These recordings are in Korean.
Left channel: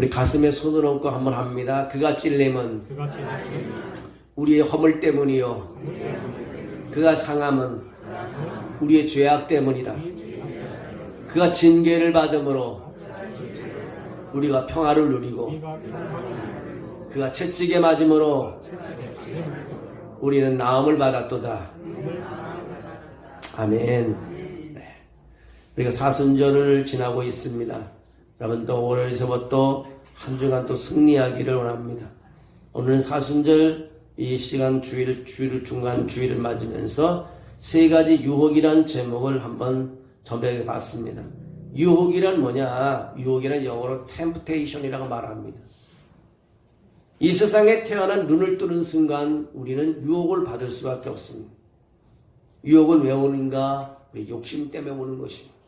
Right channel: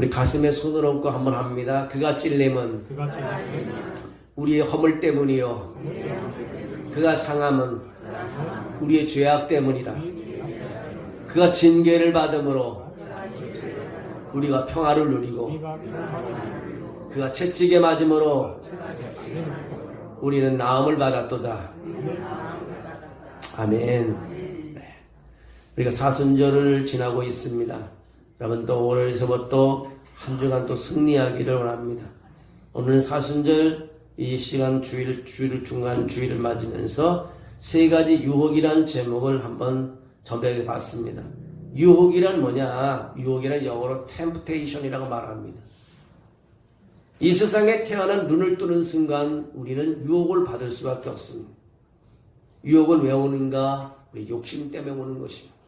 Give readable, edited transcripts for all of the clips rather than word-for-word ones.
우리 가슴에 손을 얹고 한번 합니다. 그가 찔림은 우리의 허물 때문이요, 그가 상함은 우리의 죄악 때문이다. 그가 징계를 받음으로 우리가 평화를 누리고, 그가 채찍에 맞음으로 우리는 나음을 받았도다. 아멘. 네. 우리가 사순절을 지나고 있습니다. 여러분, 또 오늘에서부터 한 주간 또 승리하기를 원합니다. 오늘은 사순절 이 시간 주일 중간 주일을 맞으면서 세 가지 유혹이라는 제목을 한번 전달해 봤습니다. 유혹이란 뭐냐? 유혹이란 영어로 temptation이라고 말합니다. 이 세상에 태어난 눈을 뜨는 순간 우리는 유혹을 받을 수밖에 없습니다. 유혹은 왜 오는가? 욕심 때문에 오는 것입니다.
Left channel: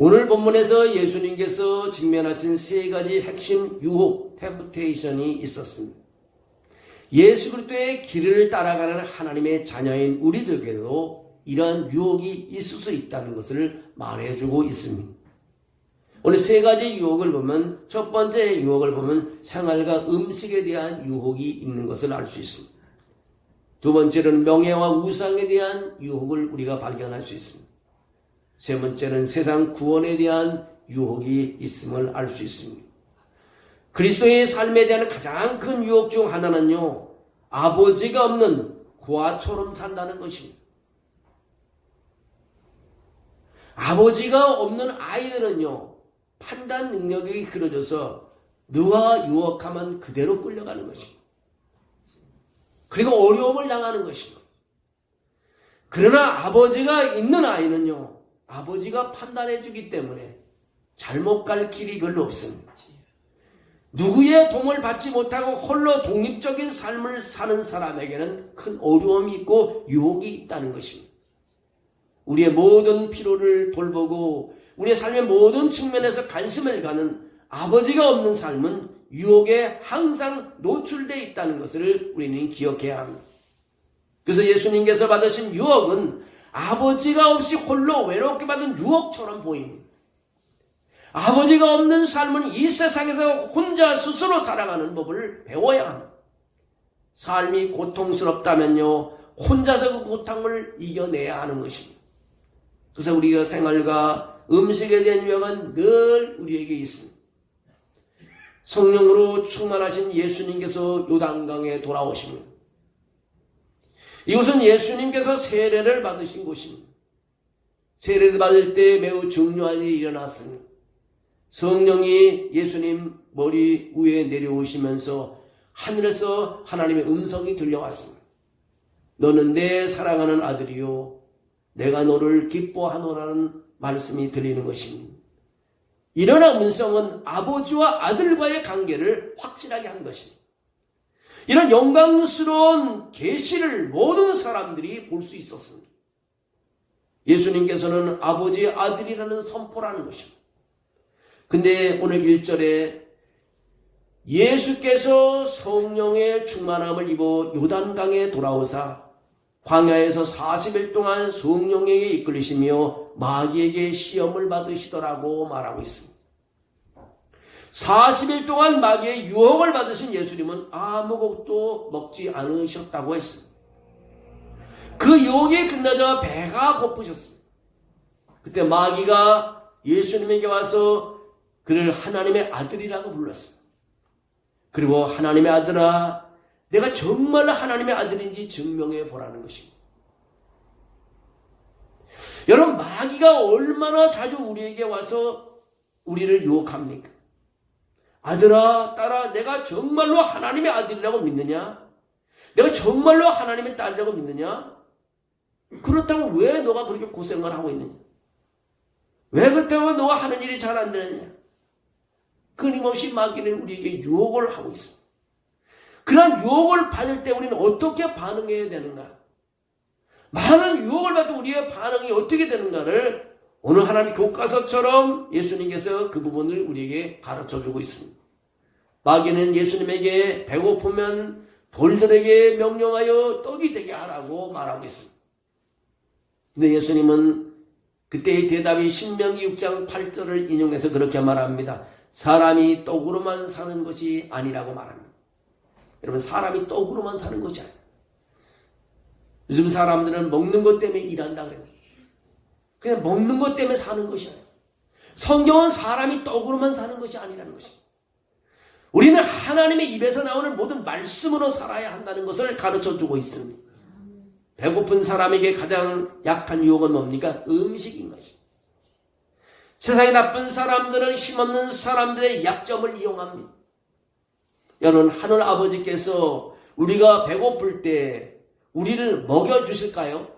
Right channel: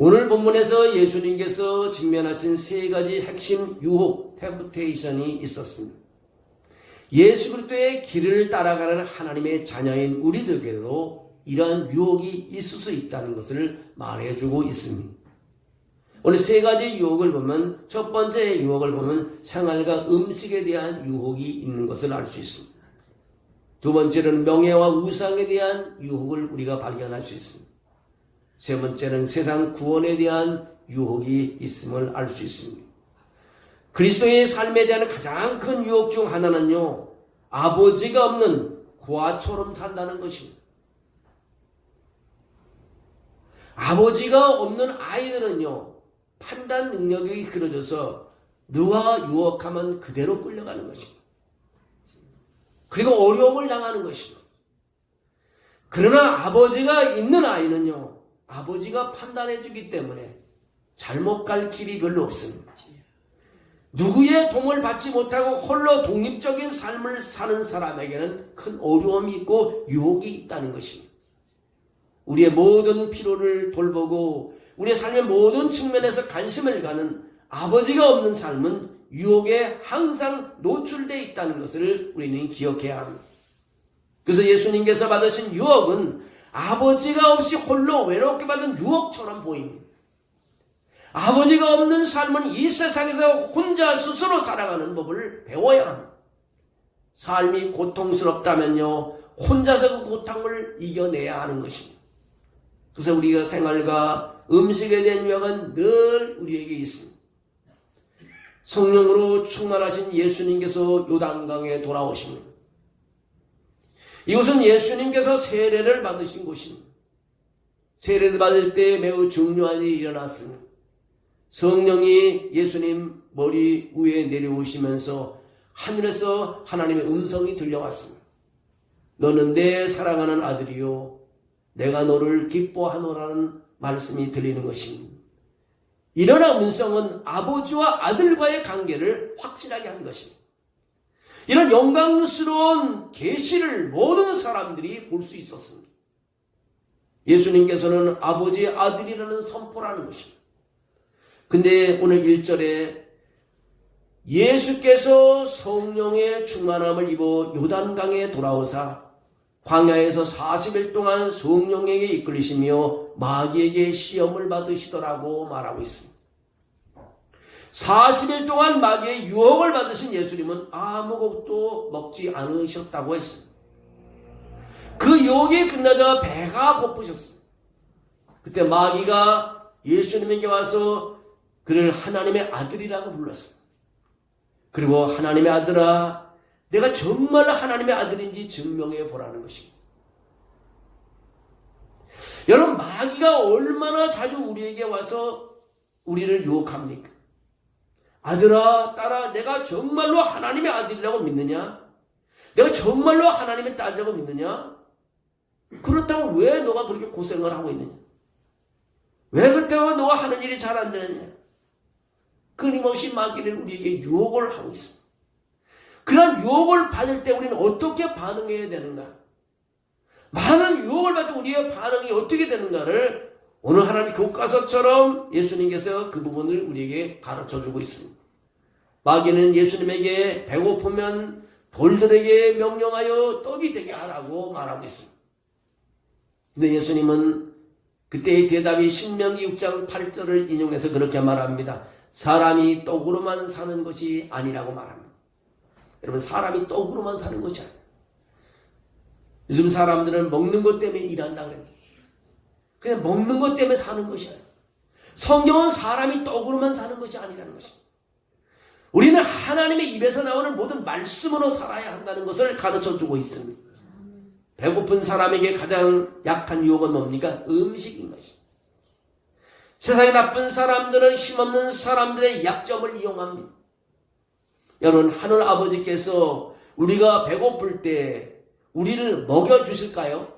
오늘 본문에서 예수님께서 직면하신 세 가지 핵심 유혹, 템프테이션이 있었습니다. 예수 그리스도의 길을 따라가는 하나님의 자녀인 우리들에게도 이러한 유혹이 있을 수 있다는 것을 말해주고 있습니다. 오늘 세 가지 유혹을 보면, 첫 번째 유혹을 보면 생활과 음식에 대한 유혹이 있는 것을 알 수 있습니다. 두 번째는 명예와 우상에 대한 유혹을 우리가 발견할 수 있습니다. 세 번째는 세상 구원에 대한 유혹이 있음을 알 수 있습니다. 그리스도의 삶에 대한 가장 큰 유혹 중 하나는요, 아버지가 없는 고아처럼 산다는 것입니다. 아버지가 없는 아이들은요, 판단 능력이 흐려져서 누가 유혹하면 그대로 끌려가는 것입니다. 그리고 어려움을 당하는 것입니다. 그러나 아버지가 있는 아이는요, 아버지가 판단해 주기 때문에 잘못 갈 길이 별로 없습니다. 누구의 도움을 받지 못하고 홀로 독립적인 삶을 사는 사람에게는 큰 어려움이 있고 유혹이 있다는 것입니다. 우리의 모든 필요를 돌보고 우리의 삶의 모든 측면에서 관심을 가는 아버지가 없는 삶은 유혹에 항상 노출되어 있다는 것을 우리는 기억해야 합니다. 그래서 예수님께서 받으신 유혹은 아버지가 없이 홀로 외롭게 받은 유혹처럼 보입니다. 아버지가 없는 삶은 이 세상에서 혼자 스스로 살아가는 법을 배워야 합니다. 삶이 고통스럽다면요, 혼자서 그 고통을 이겨내야 하는 것입니다. 그래서 우리가 생활과 음식에 대한 유혹은 늘 우리에게 있습니다. 성령으로 충만하신 예수님께서 요단강에 돌아오십니다. 이곳은 예수님께서 세례를 받으신 곳입니다. 세례를 받을 때 매우 중요한 일이 일어났습니다. 성령이 예수님 머리 위에 내려오시면서 하늘에서 하나님의 음성이 들려왔습니다. 너는 내 사랑하는 아들이요, 내가 너를 기뻐하노라는 말씀이 들리는 것입니다. 이런 음성은 아버지와 아들과의 관계를 확실하게 한 것입니다. 이런 영광스러운 계시를 모든 사람들이 볼 수 있었습니다. 예수님께서는 아버지의 아들이라는 선포라는 것입니다. 근데 오늘 1절에 예수께서 성령의 충만함을 입어 요단강에 돌아오사 광야에서 40일 동안 성령에게 이끌리시며 마귀에게 시험을 받으시더라고 말하고 있습니다. 40일 동안 마귀의 유혹을 받으신 예수님은 아무것도 먹지 않으셨다고 했습니다. 그 유혹이 끝나자 배가 고프셨습니다. 그때 마귀가 예수님에게 와서 그를 하나님의 아들이라고 불렀습니다. 그리고 하나님의 아들아, 내가 정말 하나님의 아들인지 증명해 보라는 것입니다. 여러분, 마귀가 얼마나 자주 우리에게 와서 우리를 유혹합니까? 아들아, 딸아, 내가 정말로 하나님의 아들이라고 믿느냐? 내가 정말로 하나님의 딸이라고 믿느냐? 그렇다고 왜 너가 그렇게 고생을 하고 있느냐? 왜 그렇다고 너가 하는 일이 잘 안 되느냐? 끊임없이 마귀는 우리에게 유혹을 하고 있습니다. 그런 유혹을 받을 때 우리는 어떻게 반응해야 되는가? 많은 유혹을 받을 때 우리의 반응이 어떻게 되는가를 오늘 하나님 교과서처럼 예수님께서 그 부분을 우리에게 가르쳐주고 있습니다. 마귀는 예수님에게 배고프면 돌들에게 명령하여 떡이 되게 하라고 말하고 있습니다. 근데 예수님은 그때의 대답이 신명기 6장 8절을 인용해서 그렇게 말합니다. 사람이 떡으로만 사는 것이 아니라고 말합니다. 여러분, 사람이 떡으로만 사는 것이 아니에요. 요즘 사람들은 먹는 것 때문에 일한다 그래요. 그냥 먹는 것 때문에 사는 것이 아니에요. 성경은 사람이 떡으로만 사는 것이 아니라는 것입니다. 우리는 하나님의 입에서 나오는 모든 말씀으로 살아야 한다는 것을 가르쳐주고 있습니다. 배고픈 사람에게 가장 약한 유혹은 뭡니까? 음식인 것입니다. 세상에 나쁜 사람들은 힘없는 사람들의 약점을 이용합니다. 여러분, 하늘 아버지께서 우리가 배고플 때 우리를 먹여주실까요?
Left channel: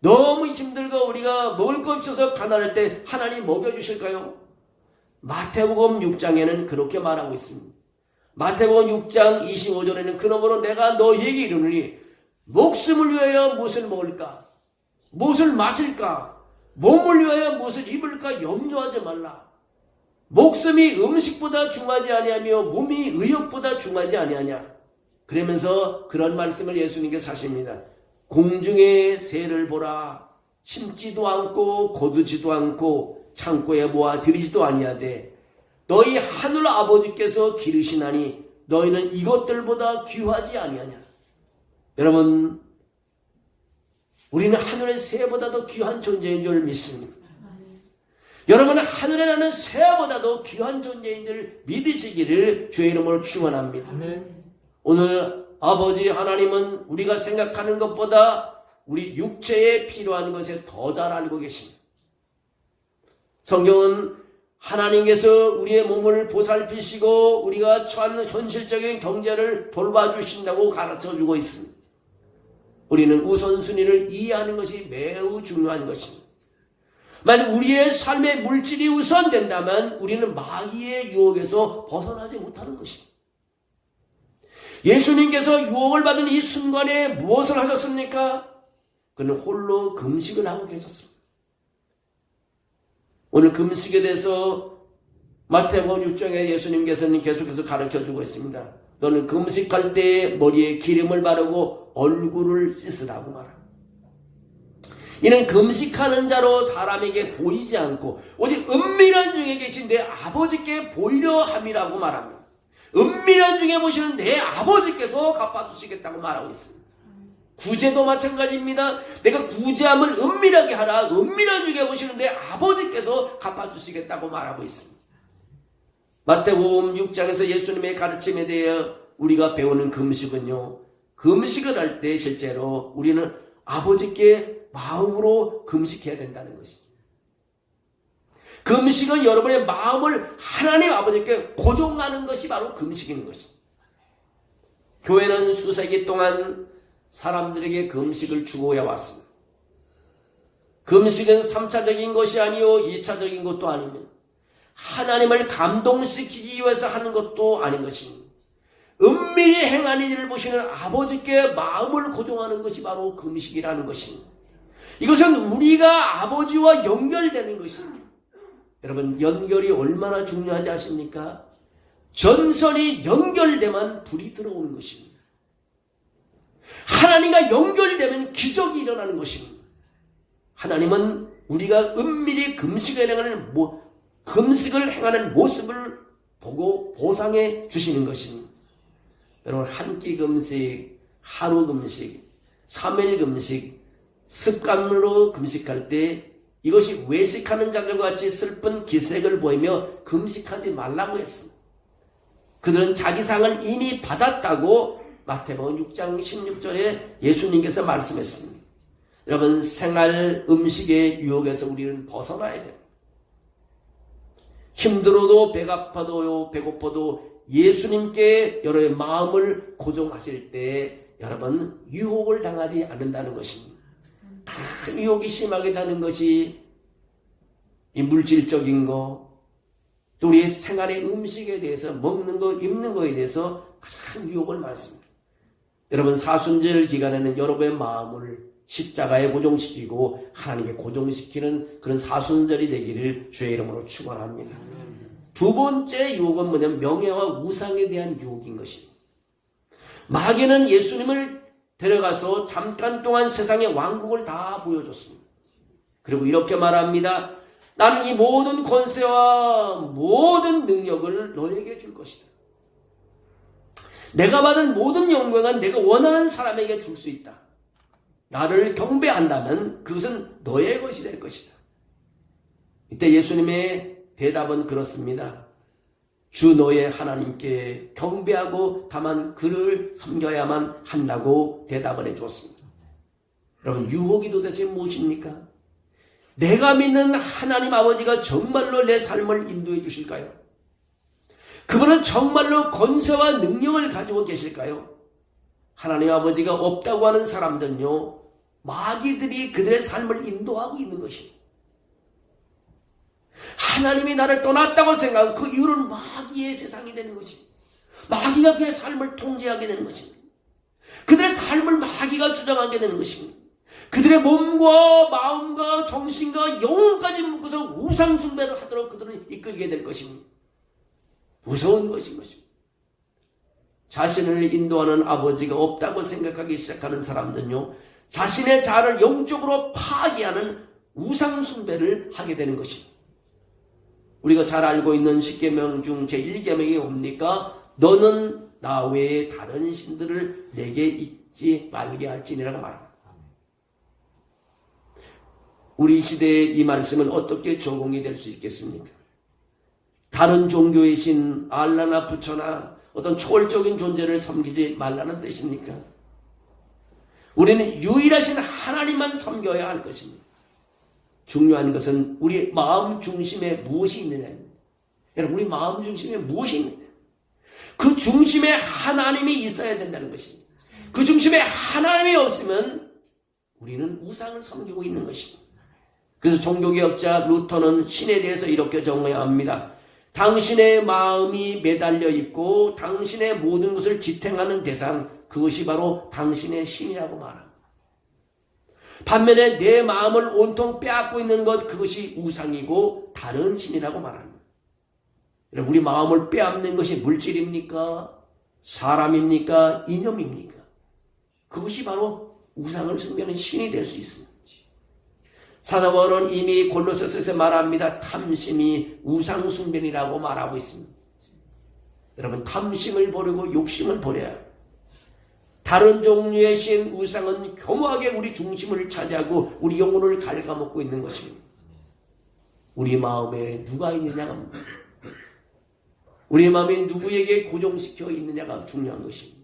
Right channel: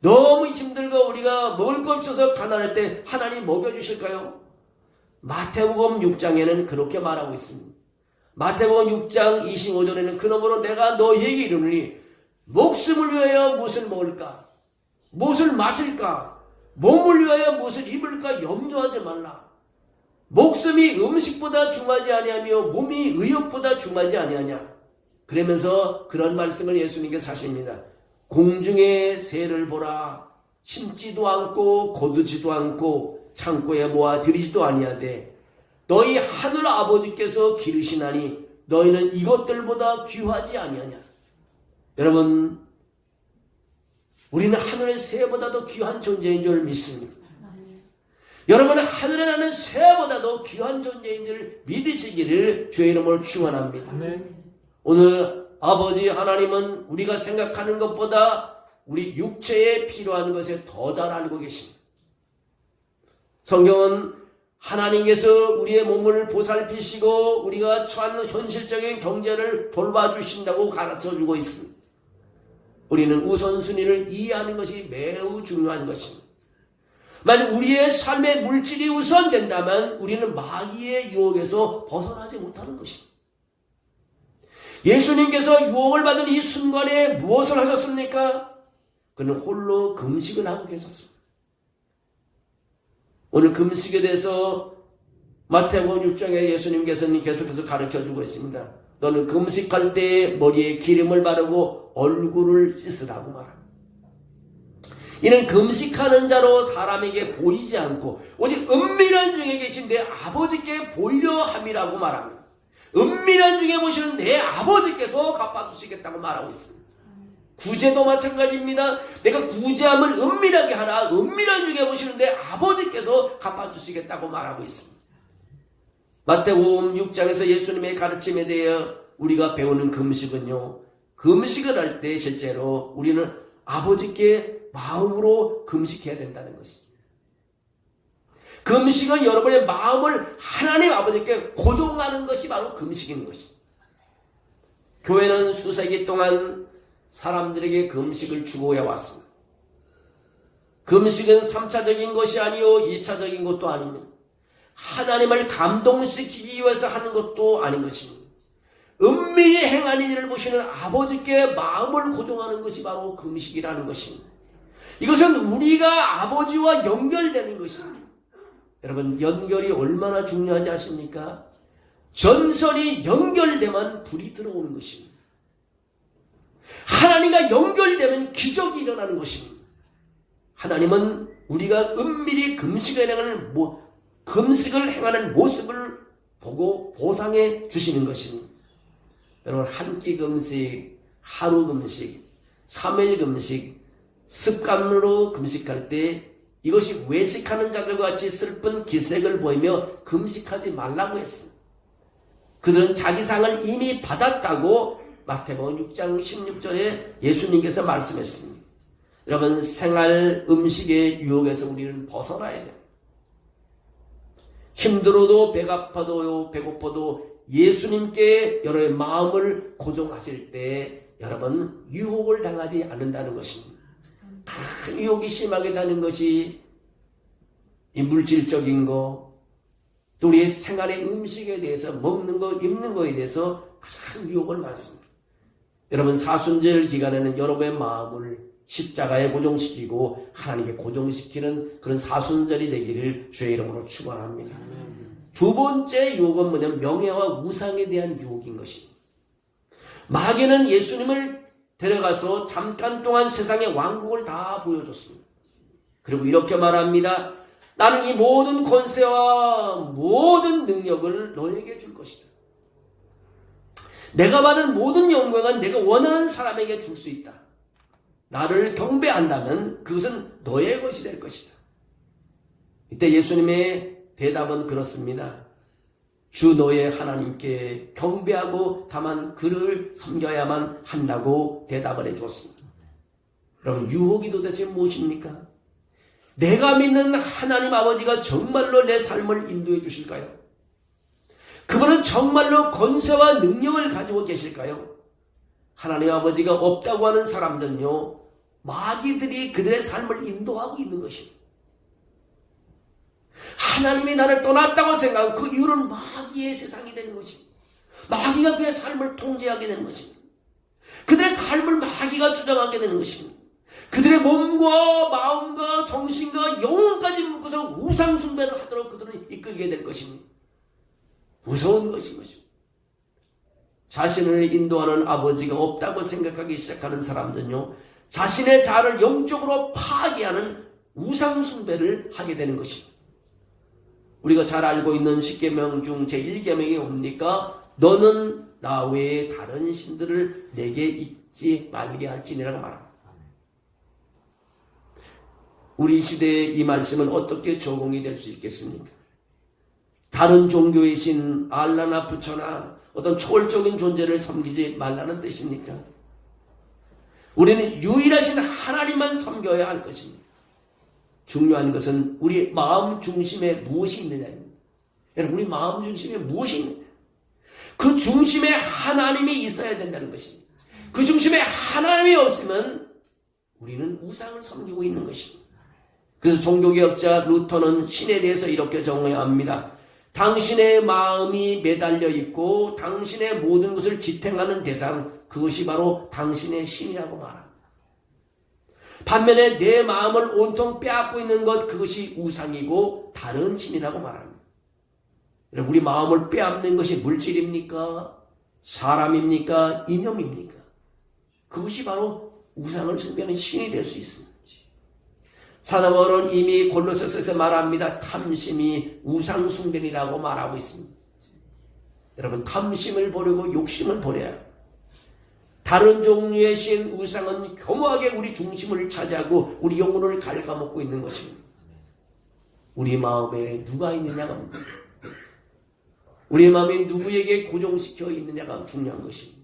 너무 힘들고 우리가 먹을 거 없어서 가난할 때 하나님 먹여주실까요? 마태복음 6장에는 그렇게 말하고 있습니다. 마태복음 6장 25절에는 그러므로 내가 너희에게 이르노니 목숨을 위하여 무엇을 먹을까? 무엇을 마실까? 몸을 위하여 무엇을 입을까? 염려하지 말라. 목숨이 음식보다 중하지 아니하며 몸이 의욕보다 중하지 아니하냐. 그러면서 그런 말씀을 예수님께서 하십니다. 공중의 새를 보라. 심지도 않고 거두지도 않고 창고에 모아 들이지도 아니하되 너희 하늘 아버지께서 기르시나니 너희는 이것들보다 귀하지 아니하냐. 여러분, 우리는 하늘의 새보다도 귀한 존재인 줄 믿습니다. 여러분은 하늘에 나는 새보다도 귀한 존재인 줄 믿으시기를 주의 이름으로 축원합니다. 오늘 아버지 하나님은 우리가 생각하는 것보다 우리 육체에 필요한 것에 더 잘 알고 계십니다. 성경은 하나님께서 우리의 몸을 보살피시고 우리가 처한 현실적인 경제를 돌봐주신다고 가르쳐주고 있습니다. 우리는 우선순위를 이해하는 것이 매우 중요한 것입니다. 만약 우리의 삶의 물질이 우선된다면 우리는 마귀의 유혹에서 벗어나지 못하는 것입니다. 예수님께서 유혹을 받은 이 순간에 무엇을 하셨습니까? 그는 홀로 금식을 하고 계셨습니다. 오늘 금식에 대해서 마태복음 6장에 예수님께서는 계속해서 가르쳐주고 있습니다. 너는 금식할 때 머리에 기름을 바르고 얼굴을 씻으라고 말합니다. 이는 금식하는 자로 사람에게 보이지 않고 오직 은밀한 중에 계신 내 아버지께 보이려 함이라고 말합니다. 은밀한 중에 보시는 내 아버지께서 갚아주시겠다고 말하고 있습니다. 구제도 마찬가지입니다. 내가 구제함을 은밀하게 하라. 은밀한 중에 보시는 내 아버지께서 갚아주시겠다고 말하고 있습니다. 마태복음 6장에서 예수님의 가르침에 대해 우리가 배우는 금식은요, 금식을 할 때 실제로 우리는 아버지께 마음으로 금식해야 된다는 것입니다. 금식은 여러분의 마음을 하나님 아버지께 고정하는 것이 바로 금식인 것입니다. 교회는 수세기 동안 사람들에게 금식을 추구해 왔습니다. 금식은 3차적인 것이 아니요 2차적인 것도 아닙니다. 하나님을 감동시키기 위해서 하는 것도 아닌 것입니다. 은밀히 행하는 일을 보시는 아버지께 마음을 고정하는 것이 바로 금식이라는 것입니다. 이것은 우리가 아버지와 연결되는 것입니다. 여러분, 연결이 얼마나 중요한지 아십니까? 전선이 연결되면 불이 들어오는 것입니다. 하나님과 연결되면 기적이 일어나는 것입니다. 하나님은 우리가 은밀히 금식을 행하는 모습을 보고 보상해 주시는 것입니다. 여러분, 한 끼 금식, 하루 금식, 3일 금식, 습관으로 금식할 때 이것이 외식하는 자들과 같이 슬픈 기색을 보이며 금식하지 말라고 했습니다. 그들은 자기 상을 이미 받았다고 마태복음 6장 16절에 예수님께서 말씀했습니다. 여러분, 생활 음식의 유혹에서 우리는 벗어나야 돼요. 힘들어도 배가 아파도 배고파도 예수님께 여러분의 마음을 고정하실 때 여러분 유혹을 당하지 않는다는 것입니다. 큰 유혹이 심하게 다는 것이 이 물질적인 거, 또 우리의 생활의 음식에 대해서 먹는 거, 입는 거에 대해서 가장 유혹을 많습니다. 여러분, 사순절 기간에는 여러분의 마음을 십자가에 고정시키고 하나님께 고정시키는 그런 사순절이 되기를 주의 이름으로 축원합니다. 두 번째 유혹은 뭐냐면 명예와 우상에 대한 유혹인 것입니다. 마귀는 예수님을 데려가서 잠깐 동안 세상의 왕국을 다 보여줬습니다. 그리고 이렇게 말합니다. 나는 이 모든 권세와 모든 능력을 너에게 줄 것이다. 내가 받은 모든 영광은 내가 원하는 사람에게 줄 수 있다. 나를 경배한다면 그것은 너의 것이 될 것이다. 이때 예수님의 대답은 그렇습니다. 주 너의 하나님께 경배하고 다만 그를 섬겨야만 한다고 대답을 해주었습니다. 여러분, 유혹이 도대체 무엇입니까? 내가 믿는 하나님 아버지가 정말로 내 삶을 인도해 주실까요? 그분은 정말로 권세와 능력을 가지고 계실까요? 하나님 아버지가 없다고 하는 사람들은요, 마귀들이 그들의 삶을 인도하고 있는 것입니다. 하나님이 나를 떠났다고 생각하고 그 이유는 마귀의 세상이 되는 것입니다. 마귀가 그의 삶을 통제하게 되는 것입니다. 그들의 삶을 마귀가 주장하게 되는 것입니다. 그들의 몸과 마음과 정신과 영혼까지 묶어서 우상 숭배를 하도록 그들은 이끌게 될 것입니다. 무서운 것인 것입니다. 자신을 인도하는 아버지가 없다고 생각하기 시작하는 사람들은요, 자신의 자아를 영적으로 파괴하는 우상 숭배를 하게 되는 것입니다. 우리가 잘 알고 있는 10계명 중 제1계명이 뭡니까? 너는 나 외에 다른 신들을 내게 잊지 말게 할지니라고 말합니다. 우리 시대에 이 말씀은 어떻게 적용이 될 수 있겠습니까? 다른 종교의 신, 알라나 부처나 어떤 초월적인 존재를 섬기지 말라는 뜻입니까? 우리는 유일하신 하나님만 섬겨야 할 것입니다. 중요한 것은 우리 마음 중심에 무엇이 있느냐입니다. 여러분, 우리 마음 중심에 무엇이 있느냐? 그 중심에 하나님이 있어야 된다는 것입니다. 그 중심에 하나님이 없으면 우리는 우상을 섬기고 있는 것입니다. 그래서 종교개혁자 루터는 신에 대해서 이렇게 정의해야 합니다. 당신의 마음이 매달려 있고 당신의 모든 것을 지탱하는 대상, 그것이 바로 당신의 신이라고 말합니다. 반면에 내 마음을 온통 빼앗고 있는 것, 그것이 우상이고 다른 신이라고 말합니다. 우리 마음을 빼앗는 것이 물질입니까? 사람입니까? 이념입니까? 그것이 바로 우상을 숭배하는 신이 될 수 있습니다. 사도 바울은 이미 골로새서에서 말합니다. 탐심이 우상 숭배이라고 말하고 있습니다. 여러분, 탐심을 버리고 욕심을 버려야 합니다. 다른 종류의 신, 우상은 교묘하게 우리 중심을 차지하고 우리 영혼을 갉아먹고 있는 것입니다. 우리 마음에 누가 있느냐가, 우리 마음에 누구에게 고정시켜 있느냐가 중요한 것입니다.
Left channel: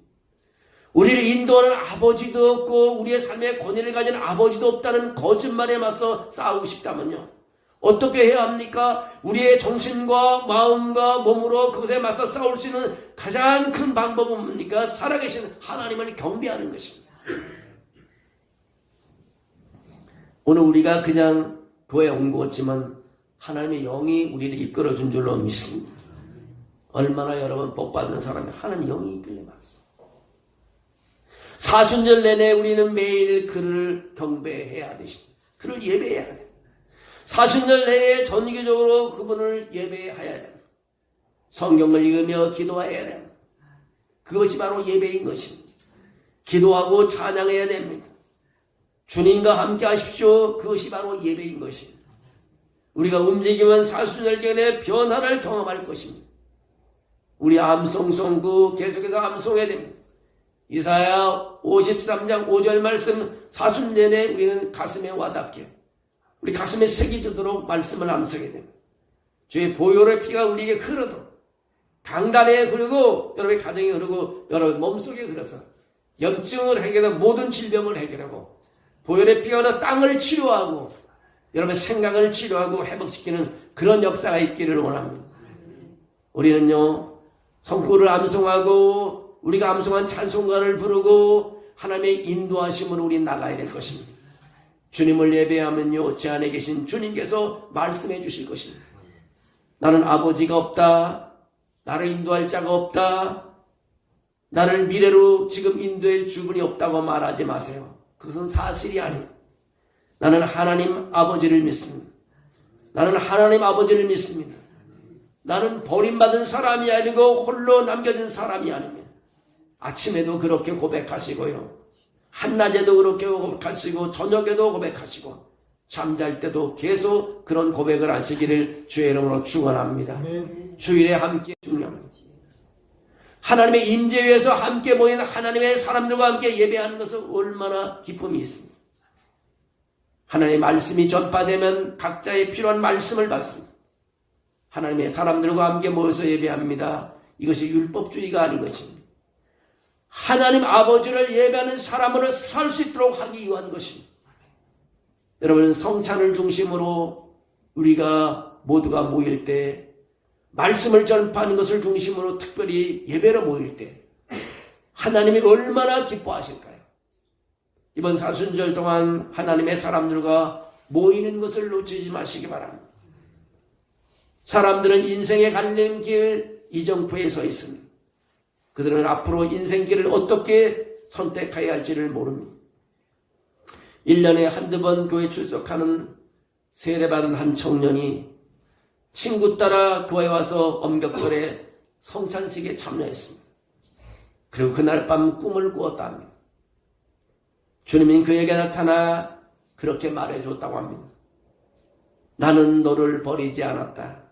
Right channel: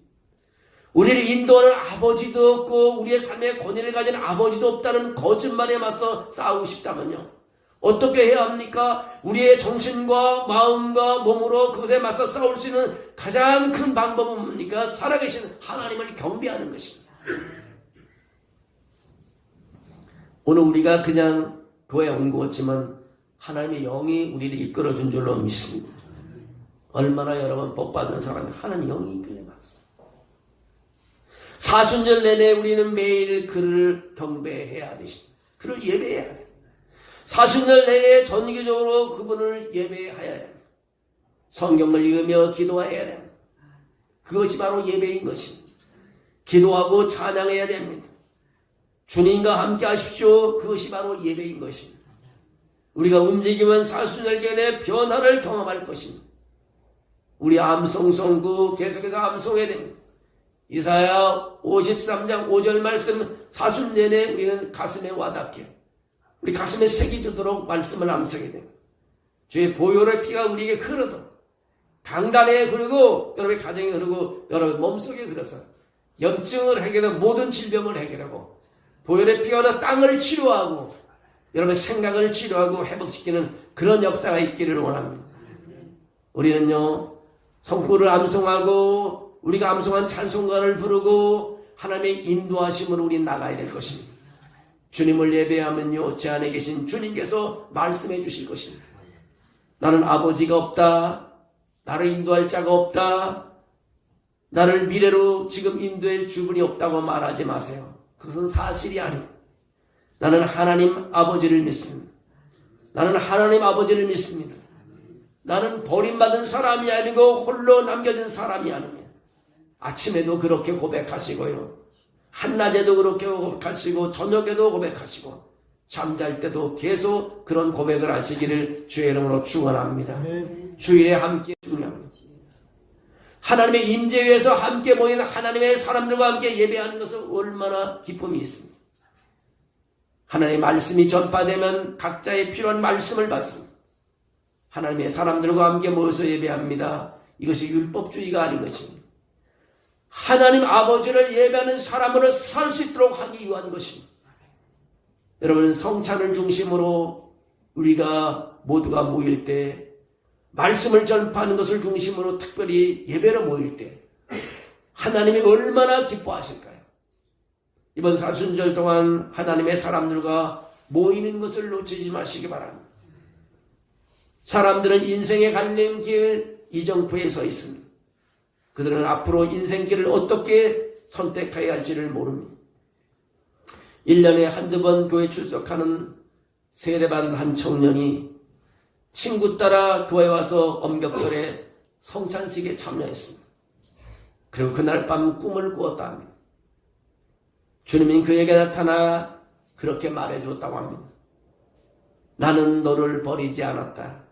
우리를 인도하는 아버지도 없고 우리의 삶에 권위를 가진 아버지도 없다는 거짓말에 맞서 싸우고 싶다면요, 어떻게 해야 합니까? 우리의 정신과 마음과 몸으로 그것에 맞서 싸울 수 있는 가장 큰 방법은 뭡니까? 살아계신 하나님을 경배하는 것입니다. 오늘 우리가 그냥 교회에 온 것 같지만 하나님의 영이 우리를 이끌어준 줄로 믿습니다. 얼마나 여러분 복받은 사람이 하나님의 영이 이끌어놨어. 사순절 내내 우리는 매일 그를 경배해야 하듯이 그를 예배해야 해요. 사순절 내내 정기적으로 그분을 예배해야 해요. 성경을 읽으며 기도해야 됩니다. 그것이 바로 예배인 것입니다. 기도하고 찬양해야 됩니다. 주님과 함께 하십시오. 그것이 바로 예배인 것입니다. 우리가 움직이면 사순절경의 변화를 경험할 것입니다. 우리 암송선구 계속해서 암송해야 됩니다. 이사야 53장 5절 말씀, 사순 내내 우리는 가슴에 와닿게, 우리 가슴에 새겨지도록 말씀을 암송해야 됩니다. 주의 보혈의 피가 우리에게 흐르도록, 강단에 흐르고 여러분의 가정에 흐르고 여러분 몸속에 흐러서 염증을 해결하고 모든 질병을 해결하고 보혈의 피가 흐르어 땅을 치료하고 여러분의 생각을 치료하고 회복시키는 그런 역사가 있기를 원합니다. 우리는요, 성구를 암송하고 우리가 암송한 찬송가를 부르고 하나님의 인도하심으로 우리 나가야 될 것입니다. 주님을 예배하면요, 제 안에 계신 주님께서 말씀해 주실 것입니다. 나는 아버지가 없다. 나를 인도할 자가 없다. 나를 미래로 지금 인도해 줄 분이 없다고 말하지 마세요. 그것은 사실이 아니에요. 나는 하나님 아버지를 믿습니다. 나는 하나님 아버지를 믿습니다. 나는 버림받은 사람이 아니고 홀로 남겨진 사람이 아닙니다. 아침에도 그렇게 고백하시고요, 한낮에도 그렇게 고백하시고 저녁에도 고백하시고 잠잘 때도 계속 그런 고백을 하시기를 주의 이름으로 축원합니다. 주일에 함께 중요합니다. 하나님의 임재 위에서 함께 모인 하나님의 사람들과 함께 예배하는 것은 얼마나 기쁨이 있습니다. 하나님의 말씀이 전파되면 각자의 필요한 말씀을 받습니다. 하나님의 사람들과 함께 모여서 예배합니다. 이것이 율법주의가 아닌 것입니다. 하나님 아버지를 예배하는 사람으로 살 수 있도록 하기 위한 것입니다. 여러분, 성찬을 중심으로 우리가 모두가 모일 때, 말씀을 전파하는 것을 중심으로 특별히 예배로 모일 때 하나님이 얼마나 기뻐하실까요? 이번 사순절 동안 하나님의 사람들과 모이는 것을 놓치지 마시기 바랍니다. 사람들은 인생의 갈림길 이정표에 서 있습니다. 그들은 앞으로 인생길을 어떻게 선택해야 할지를 모릅니다. 1년에 한두 번 교회 출석하는 세례받은 한 청년이 친구 따라 교회에 와서 엄격절에 성찬식에 참여했습니다. 그리고 그날 밤 꿈을 꾸었다 합니다. 주님이 그에게 나타나 그렇게 말해줬다고 합니다. 나는 너를 버리지 않았다.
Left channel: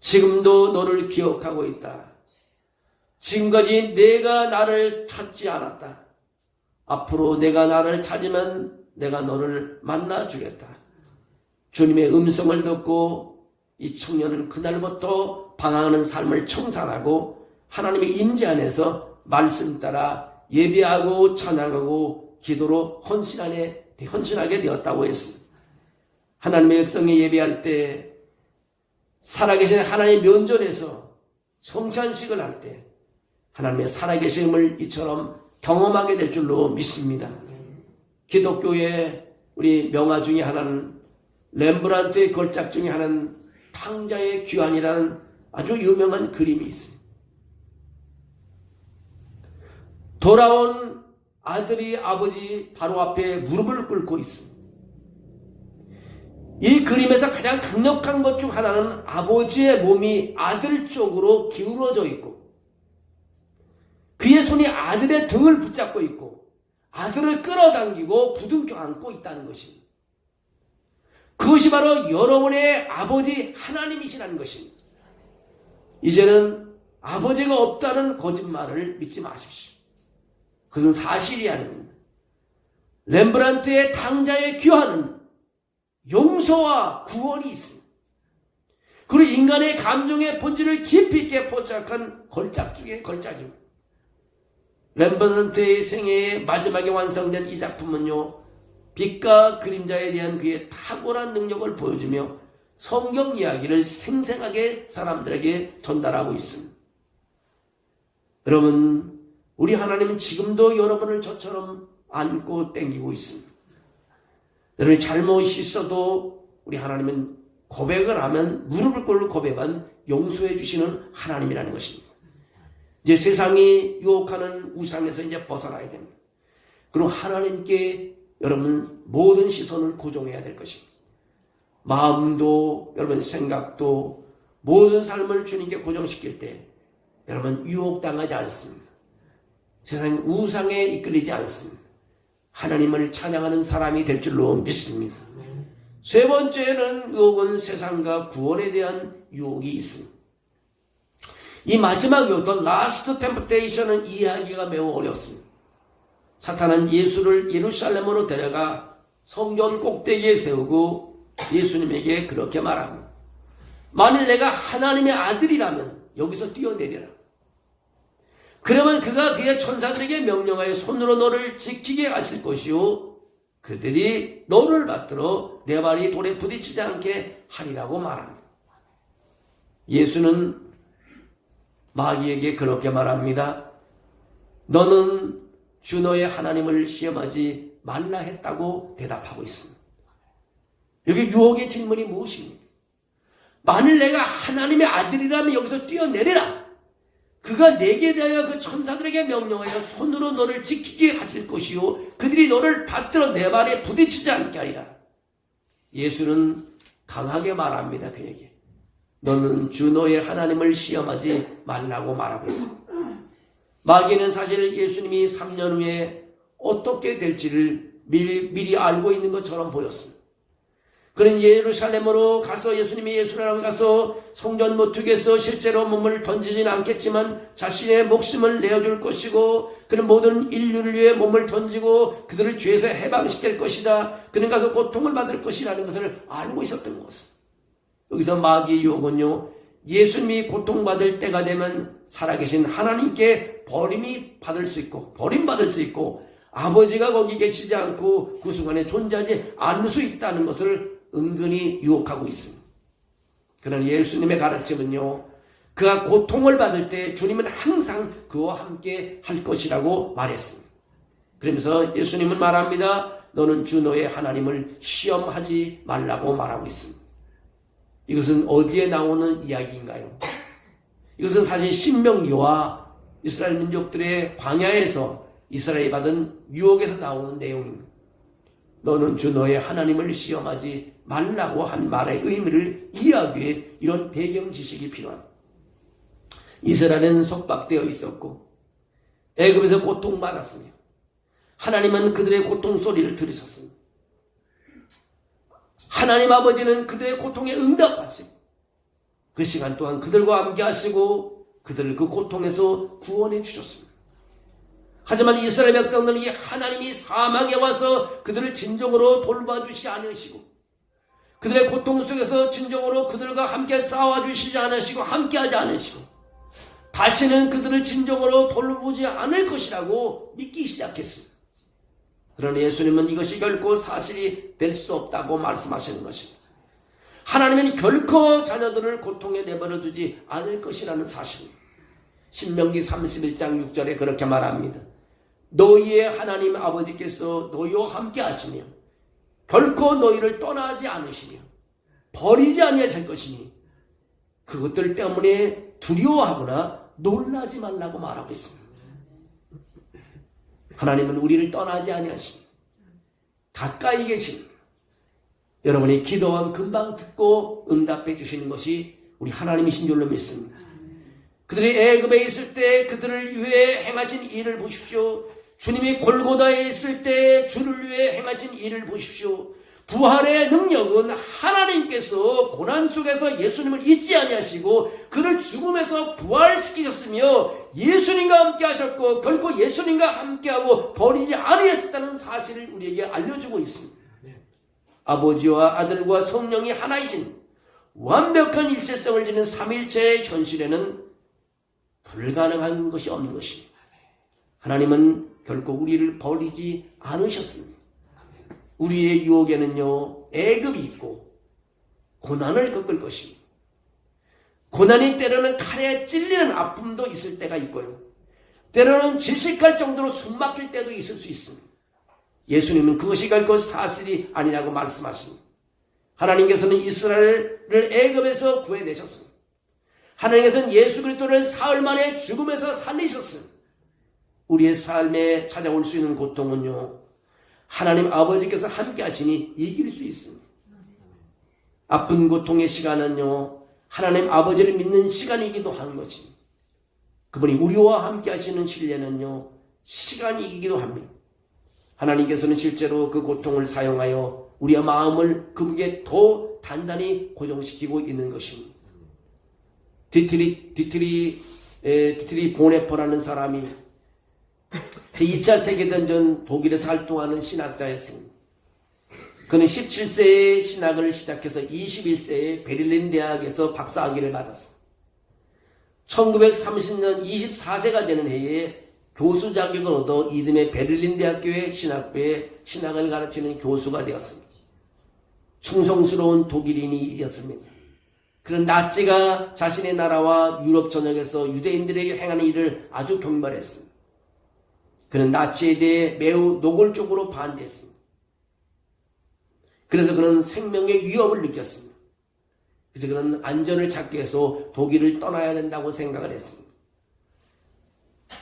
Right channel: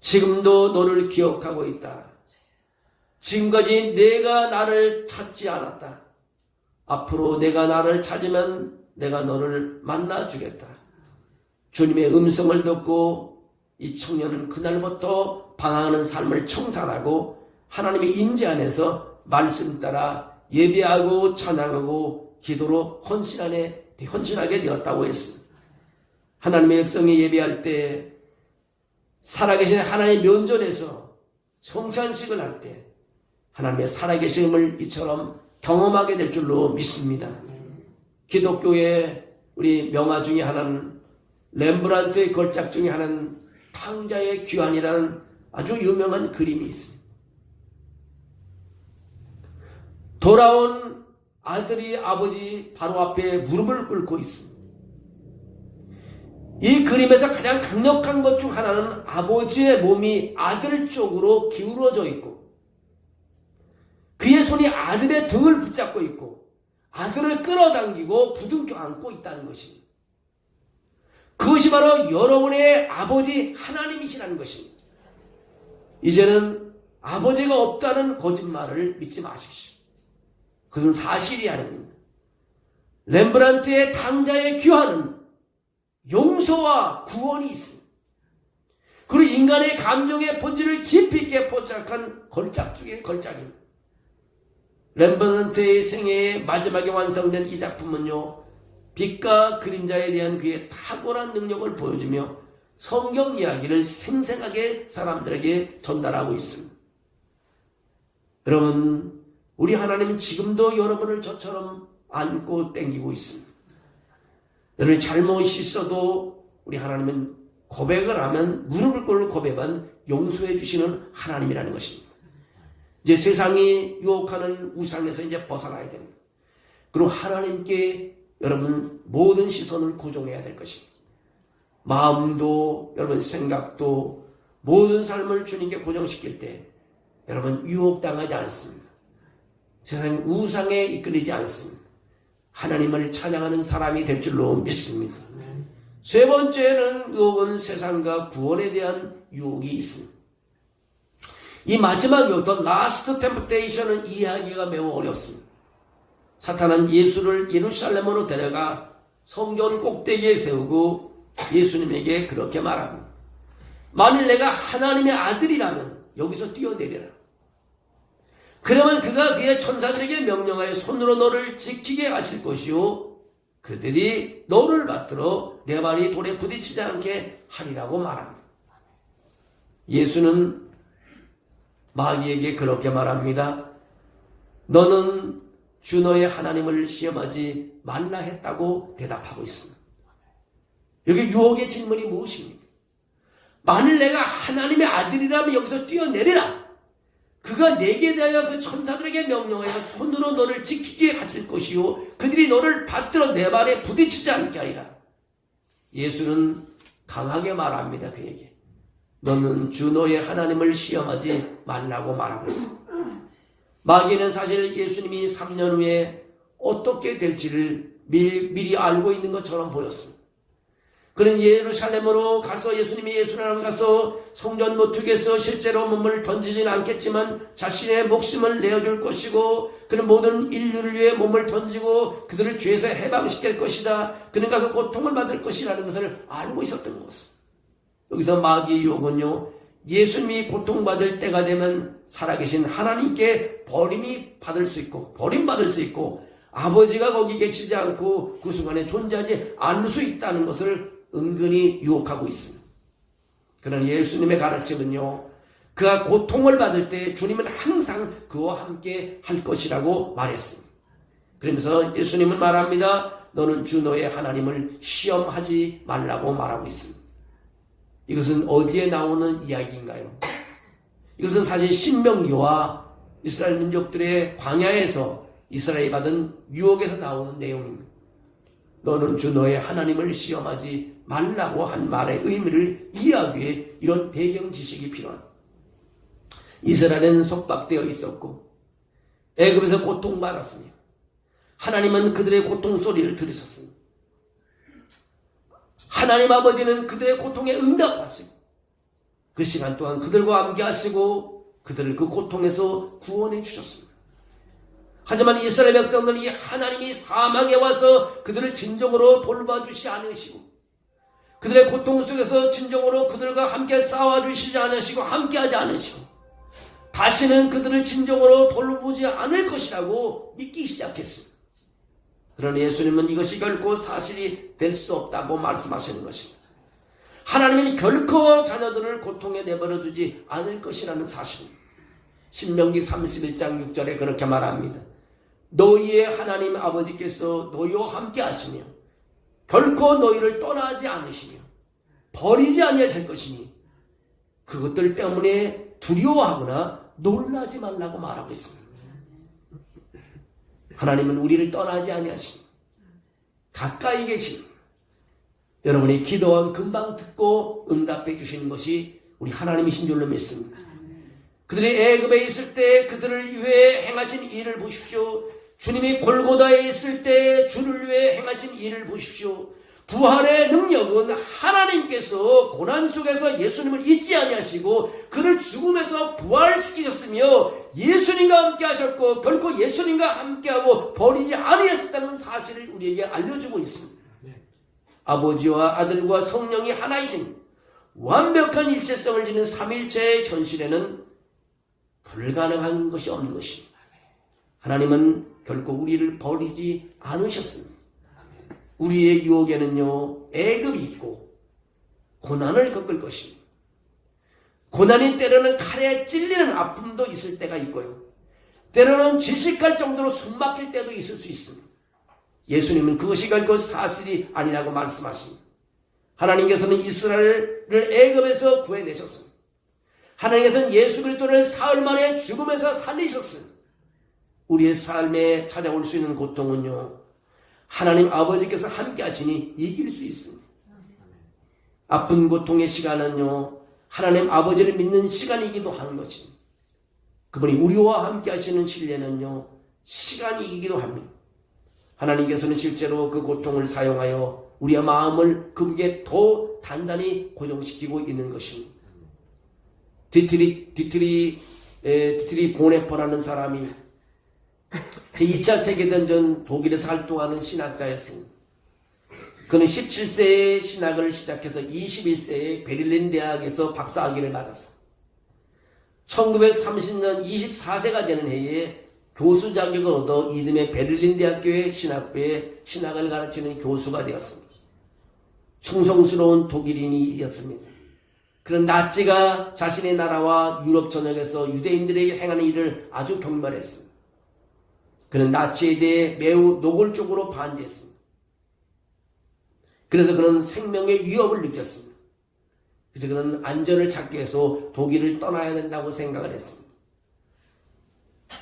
지금도 너를 기억하고 있다. 지금까지 내가 나를 찾지 않았다. 앞으로 내가 나를 찾으면 내가 너를 만나주겠다. 주님의 음성을 듣고 이 청년은 그날부터 방황하는 삶을 청산하고 하나님의 임재 안에서 말씀 따라 예배하고 찬양하고 기도로 헌신하게 되었다고 했습니다. 하나님의 백성이 예배할 때 살아계신 하나님의 면전에서 성찬식을 할 때 하나님의 살아계심을 이처럼 경험하게 될 줄로 믿습니다. 기독교의 우리 명화 중에 하나는 렘브란트의 걸작 중에 하나는 탕자의 귀환이라는 아주 유명한 그림이 있습니다. 돌아온 아들이 아버지 바로 앞에 무릎을 꿇고 있습니다. 이 그림에서 가장 강력한 것 중 하나는 아버지의 몸이 아들 쪽으로 기울어져 있고 그의 손이 아들의 등을 붙잡고 있고 아들을 끌어당기고 부둥켜 안고 있다는 것입니다. 그것이 바로 여러분의 아버지 하나님이시라는 것입니다. 이제는 아버지가 없다는 거짓말을 믿지 마십시오. 그것은 사실이 아닙니다. 렘브란트의 탕자의 귀환은 용서와 구원이 있습니다. 그리고 인간의 감정의 본질을 깊이 있게 포착한 걸작 중에 걸작입니다. 렘브란트의 생애의 마지막에 완성된 이 작품은요, 빛과 그림자에 대한 그의 탁월한 능력을 보여주며 성경 이야기를 생생하게 사람들에게 전달하고 있습니다. 여러분, 우리 하나님은 지금도 여러분을 저처럼 안고 땡기고 있습니다. 여러분이 잘못이 있어도 우리 하나님은 고백을 하면 무릎을 꿇고 고백한 용서해 주시는 하나님이라는 것입니다. 이제 세상이 유혹하는 우상에서 이제 벗어나야 됩니다. 그리고 하나님께 여러분 모든 시선을 고정해야 될 것입니다. 마음도 여러분 생각도 모든 삶을 주님께 고정시킬 때 여러분 유혹당하지 않습니다. 세상이 우상에 이끌리지 않습니다. 하나님을 찬양하는 사람이 될 줄로 믿습니다. 세 번째는 유혹은 세상과 구원에 대한 유혹이 있습니다. 이 마지막 유혹, The Last Temptation은 이해하기가 매우 어렵습니다. 사탄은 예수를 예루살렘으로 데려가 성전 꼭대기에 세우고 예수님에게 그렇게 말합니다. 만일 내가 하나님의 아들이라면 여기서 뛰어내려라. 그러면 그가 그의 천사들에게 명령하여 손으로 너를 지키게 하실 것이요 그들이 너를 받들어 내 발이 돌에 부딪히지 않게 하리라고 말합니다. 예수는 마귀에게 그렇게 말합니다. 너는 주 너의 하나님을 시험하지 말라 했다고 대답하고 있습니다. 여기 유혹의 질문이 무엇입니까? 만일 내가 하나님의 아들이라면 여기서 뛰어내리라. 그가 내게 대하여 그 천사들에게 명령하여 손으로 너를 지키게 하실 것이요 그들이 너를 받들어 내 발에 부딪히지 않게 하리라. 예수는 강하게 말합니다. 그에게 너는 주 너의 하나님을 시험하지 말라고 말하고 있습니다. 마귀는 사실 예수님이 3년 후에 어떻게 될지를 미리 알고 있는 것처럼 보였습니다. 그는 예루살렘으로 가서 예수님이 예수라고 가서 성전 모퉁이에서 실제로 몸을 던지지는 않겠지만 자신의 목숨을 내어줄 것이고 그는 모든 인류를 위해 몸을 던지고 그들을 죄에서 해방시킬 것이다. 그는 가서 고통을 받을 것이라는 것을 알고 있었던 것을. 여기서 마귀의 유혹은요, 예수님이 고통받을 때가 되면 살아계신 하나님께 버림받을 수 있고 아버지가 거기 계시지 않고 그 순간에 존재하지 않을 수 있다는 것을 은근히 유혹하고 있습니다. 그러나 예수님의 가르침은요, 그가 고통을 받을 때 주님은 항상 그와 함께 할 것이라고 말했습니다. 그러면서 예수님은 말합니다. 너는 주 너의 하나님을 시험하지 말라고 말하고 있습니다. 이것은 어디에 나오는 이야기인가요? 이것은 사실 신명기와 이스라엘 민족들의 광야에서 이스라엘이 받은 유혹에서 나오는 내용입니다. 너는 주 너의 하나님을 시험하지 말라고 한 말의 의미를 이해하기 위해 이런 배경 지식이 필요합니다. 이스라엘은 속박되어 있었고 애굽에서 고통받았습니다. 하나님은 그들의 고통 소리를 들으셨습니다. 하나님 아버지는 그들의 고통에 응답하시고 그 시간 동안 그들과 함께하시고 그들을 그 고통에서 구원해 주셨습니다. 하지만 이스라엘 백성들은 이 하나님이 사막에 와서 그들을 진정으로 돌봐주시 않으시고 그들의 고통 속에서 진정으로 그들과 함께 싸워주시지 않으시고 함께하지 않으시고 다시는 그들을 진정으로 돌보지 않을 것이라고 믿기 시작했습니다. 그러나 예수님은 이것이 결코 사실이 될 수 없다고 말씀하시는 것입니다. 하나님은 결코 자녀들을 고통에 내버려 두지 않을 것이라는 사실입니다. 신명기 31장 6절에 그렇게 말합니다. 너희의 하나님 아버지께서 너희와 함께 하시며 결코 너희를 떠나지 않으시며 버리지 아니하실 것이니 그것들 때문에 두려워하거나 놀라지 말라고 말하고 있습니다. 하나님은 우리를 떠나지 아니하시며 가까이 계십니다. 여러분이 기도한 금방 듣고 응답해 주시는 것이 우리 하나님이신 줄로 믿습니다. 그들이 애굽에 있을 때 그들을 위해 행하신 일을 보십시오. 주님이 골고다에 있을 때 주를 위해 행하신 일을 보십시오. 부활의 능력은 하나님께서 고난 속에서 예수님을 잊지 아니하시고 그를 죽음에서 부활시키셨으며 예수님과 함께 하셨고 결코 예수님과 함께하고 버리지 아니하셨다는 사실을 우리에게 알려주고 있습니다. 아버지와 아들과 성령이 하나이신 완벽한 일체성을 지닌 삼일체의 현실에는 불가능한 것이 없는 것입니다. 하나님은 결코 우리를 버리지 않으셨습니다. 우리의 유혹에는요, 애굽이 있고 고난을 겪을 것입니다. 고난이 때로는 칼에 찔리는 아픔도 있을 때가 있고요. 때로는 질식할 정도로 숨막힐 때도 있을 수 있습니다. 예수님은 그것이 결코 사실이 아니라고 말씀하십니다. 하나님께서는 이스라엘을 애굽에서 구해내셨습니다. 하나님께서는 예수 그리스도를 사흘 만에 죽음에서 살리셨습니다. 우리의 삶에 찾아올 수 있는 고통은요, 하나님 아버지께서 함께 하시니 이길 수 있습니다. 아픈 고통의 시간은요, 하나님 아버지를 믿는 시간이기도 하는 것입니다. 그분이 우리와 함께 하시는 신뢰는요, 시간이기도 합니다. 하나님께서는 실제로 그 고통을 사용하여 우리의 마음을 그분께 더 단단히 고정시키고 있는 것입니다. 디트리 보네퍼라는 사람이 그 2차 세계대전 독일에서 활동하는 신학자였습니다. 그는 17세에 신학을 시작해서 21세에 베를린 대학에서 박사학위를 받았습니다. 1930년 24세가 되는 해에 교수 자격을 얻어 이듬해 베를린 대학교의 신학부에 신학을 가르치는 교수가 되었습니다. 충성스러운 독일인이었습니다. 그는 나치가 자신의 나라와 유럽 전역에서 유대인들에게 행하는 일을 아주 경멸했습니다. 그는 나치에 대해 매우 노골적으로 반대했습니다. 그래서 그는 생명의 위협을 느꼈습니다. 그래서 그는 안전을 찾기 위해서 독일을 떠나야 된다고 생각을 했습니다.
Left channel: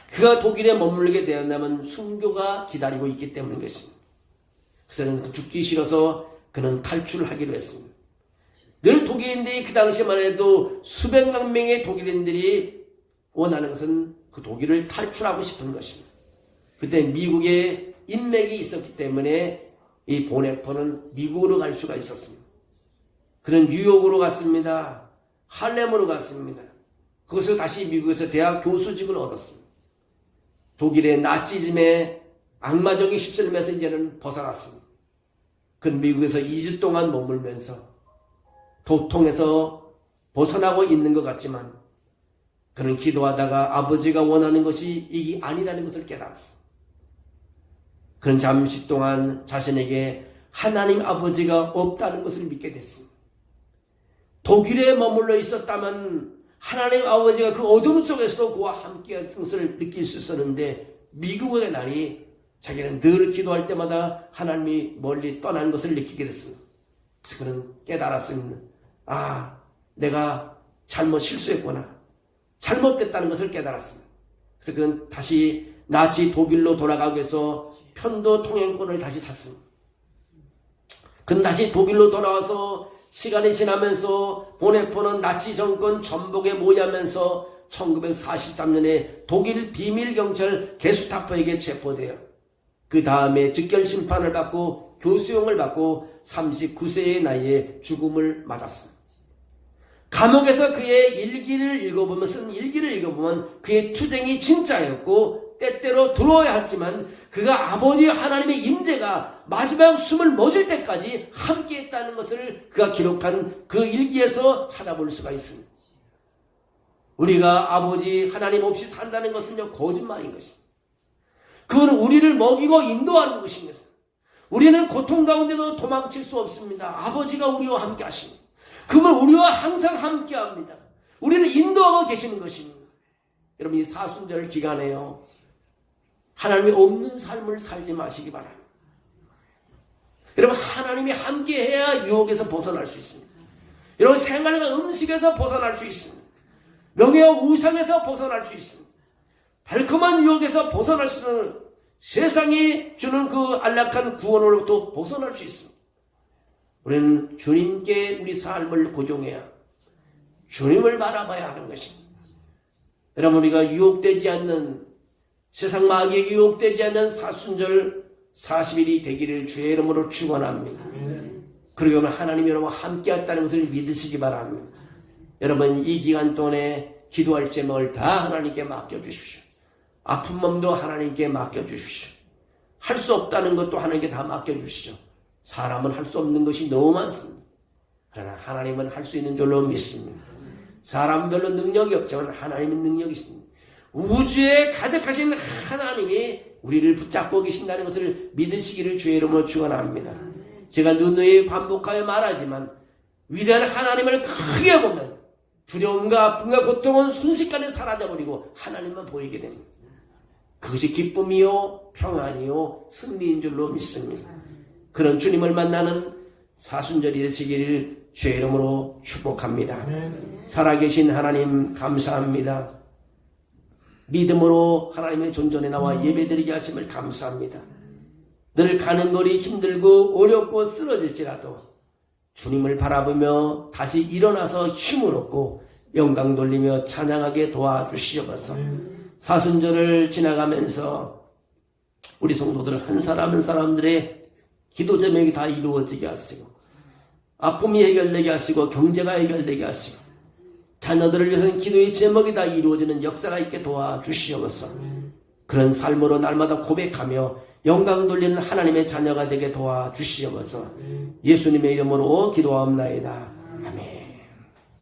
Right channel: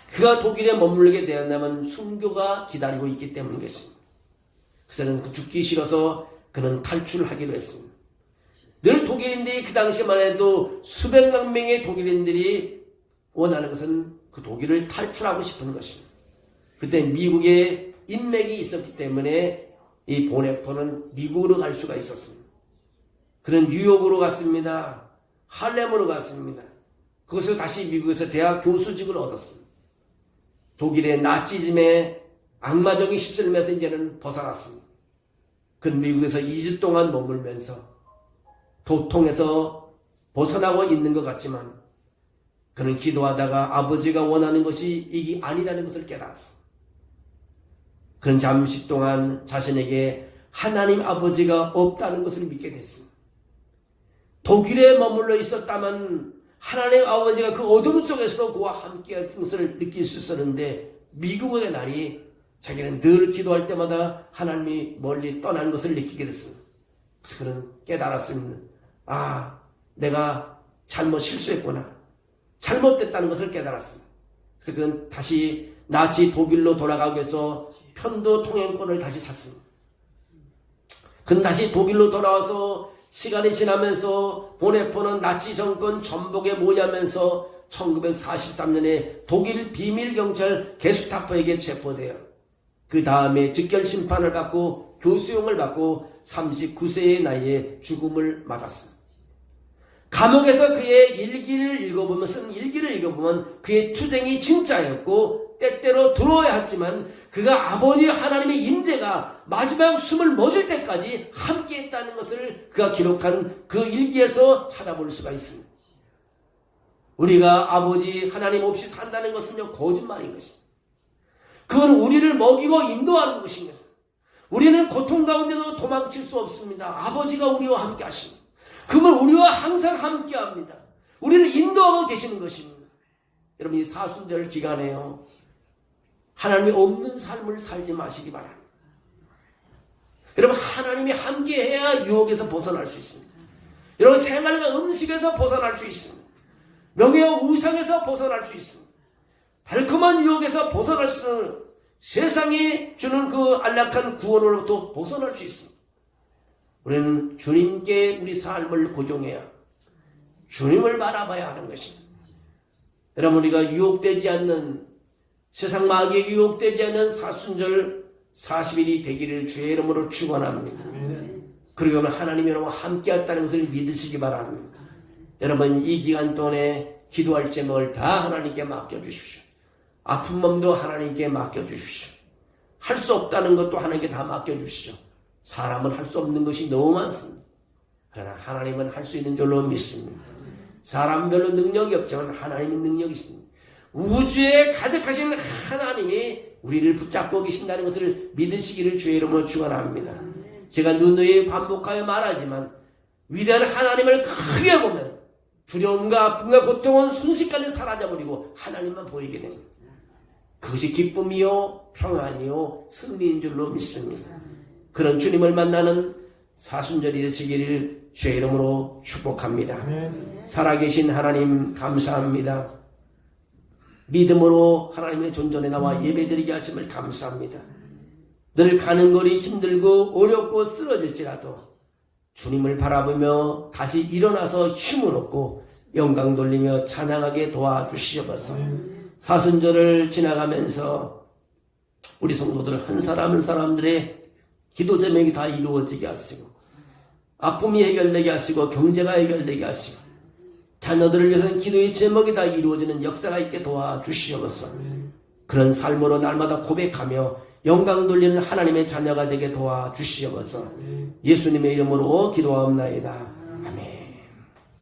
그가 독일에 머물게 되었다면 순교가 기다리고 있기 때문인 것입니다. 그래서 그는 죽기 싫어서 그는 탈출하기로 했습니다. 늘 독일인들이 그 당시만 해도 수백만 명의 독일인들이 원하는 것은 그 독일을 탈출하고 싶은 것입니다. 그때 미국에 인맥이 있었기 때문에 이 보네퍼는 미국으로 갈 수가 있었습니다. 그런 뉴욕으로 갔습니다. 할렘으로 갔습니다. 거기서 다시 미국에서 대학 교수직을 얻었습니다. 독일의 나치즘의 악마적인 휩쓸림에서 이제는 벗어났습니다. 그 미국에서 2주 동안 머물면서 도통에서 벗어나고 있는 것 같지만 그는 기도하다가 아버지가 원하는 것이 이게 아니라는 것을 깨달았습니다. 그는 잠시 동안 자신에게 하나님 아버지가 없다는 것을 믿게 됐습니다. 독일에 머물러 있었다면 하나님 아버지가 그 어둠 속에서도 그와 함께 한 것을 느낄 수 있었는데 미국의 날이 자기는 늘 기도할 때마다 하나님이 멀리 떠난 것을 느끼게 됐습니다. 그래서 그는 깨달았습니다. 아, 내가 잘못 실수했구나. 잘못됐다는 것을 깨달았습니다. 그래서 그는 다시 나치 독일로 돌아가기 위해서 편도 통행권을 다시 샀습니다. 그는 다시 독일로 돌아와서 시간이 지나면서 보내포는 나치 정권 전복에 모여하면서 1943년에 독일 비밀경찰 게스타포에게 체포되어 그 다음에 직결 심판을 받고 교수형을 받고 39세의 나이에 죽음을 맞았습니다. 감옥에서 그의 일기를 읽어보면 쓴 일기를 읽어보면 그의 투쟁이 진짜였고 때때로 두려워야 했지만 그가 아버지 하나님의 임재가 마지막 숨을 멎을 때까지 함께했다는 것을 그가 기록한 그 일기에서 찾아볼 수가 있습니다. 우리가 아버지 하나님 없이 산다는 것은요 거짓말인 것입니다. 그건 우리를 먹이고 인도하는 것입니다. 우리는 고통 가운데도 도망칠 수 없습니다. 아버지가 우리와 함께 하십니다. 그러면 우리와 항상 함께 합니다. 우리는 인도하고 계시는 것입니다. 여러분 이 사순절 기간에요. 하나님이 없는 삶을 살지 마시기 바랍니다. 여러분 하나님이 함께해야 유혹에서 벗어날 수 있습니다. 여러분 생활과 음식에서 벗어날 수 있습니다. 명예와 우상에서 벗어날 수 있습니다. 달콤한 유혹에서 벗어날 수 있는 세상이 주는 그 안락한 구원으로부터 벗어날 수 있습니다. 우리는 주님께 우리 삶을 고정해야 주님을 바라봐야 하는 것입니다. 여러분 우리가 유혹되지 않는 세상 마귀에게 유혹되지 않는 사순절 40일이 되기를 주의 이름으로 축원합니다. 그리고 하나님이 여러분과 함께했다는 것을 믿으시기 바랍니다. 여러분 이 기간 동안에 기도할 제목을 다 하나님께 맡겨주십시오. 아픈 몸도 하나님께 맡겨주십시오. 할 수 없다는 것도 하나님께 다 맡겨주시죠. 사람은 할 수 없는 것이 너무 많습니다. 그러나 하나님은 할 수 있는 줄로 믿습니다. 사람은 별로 능력이 없지만 하나님은 능력이 있습니다. 우주에 가득하신 하나님이 우리를 붙잡고 계신다는 것을 믿으시기를 주의 이름으로 축원합니다. 제가 누누이 반복하여 말하지만 위대한 하나님을 크게 보면 두려움과 아픔과 고통은 순식간에 사라져버리고 하나님만 보이게 됩니다. 그것이 기쁨이요 평안이요 승리인 줄로 믿습니다. 그런 주님을 만나는 사순절이 되시기를 주의 이름으로 축복합니다. 살아계신 하나님 감사합니다. 믿음으로 하나님의 존전에 나와 예배드리게 하심을 감사합니다. 늘 가는 길이 힘들고 어렵고 쓰러질지라도 주님을 바라보며 다시 일어나서 힘을 얻고 영광 돌리며 찬양하게 도와주시옵소서. 사순절을 지나가면서 우리 성도들 한 사람 한 사람들의 기도 제목이 다 이루어지게 하시고 아픔이 해결되게 하시고 경제가 해결되게 하시고 자녀들을 위해서는 기도의 제목이 다 이루어지는 역사가 있게 도와주시옵소서. 그런 삶으로 날마다 고백하며 영광 돌리는 하나님의 자녀가 되게 도와주시옵소서. 예수님의 이름으로 기도하옵나이다.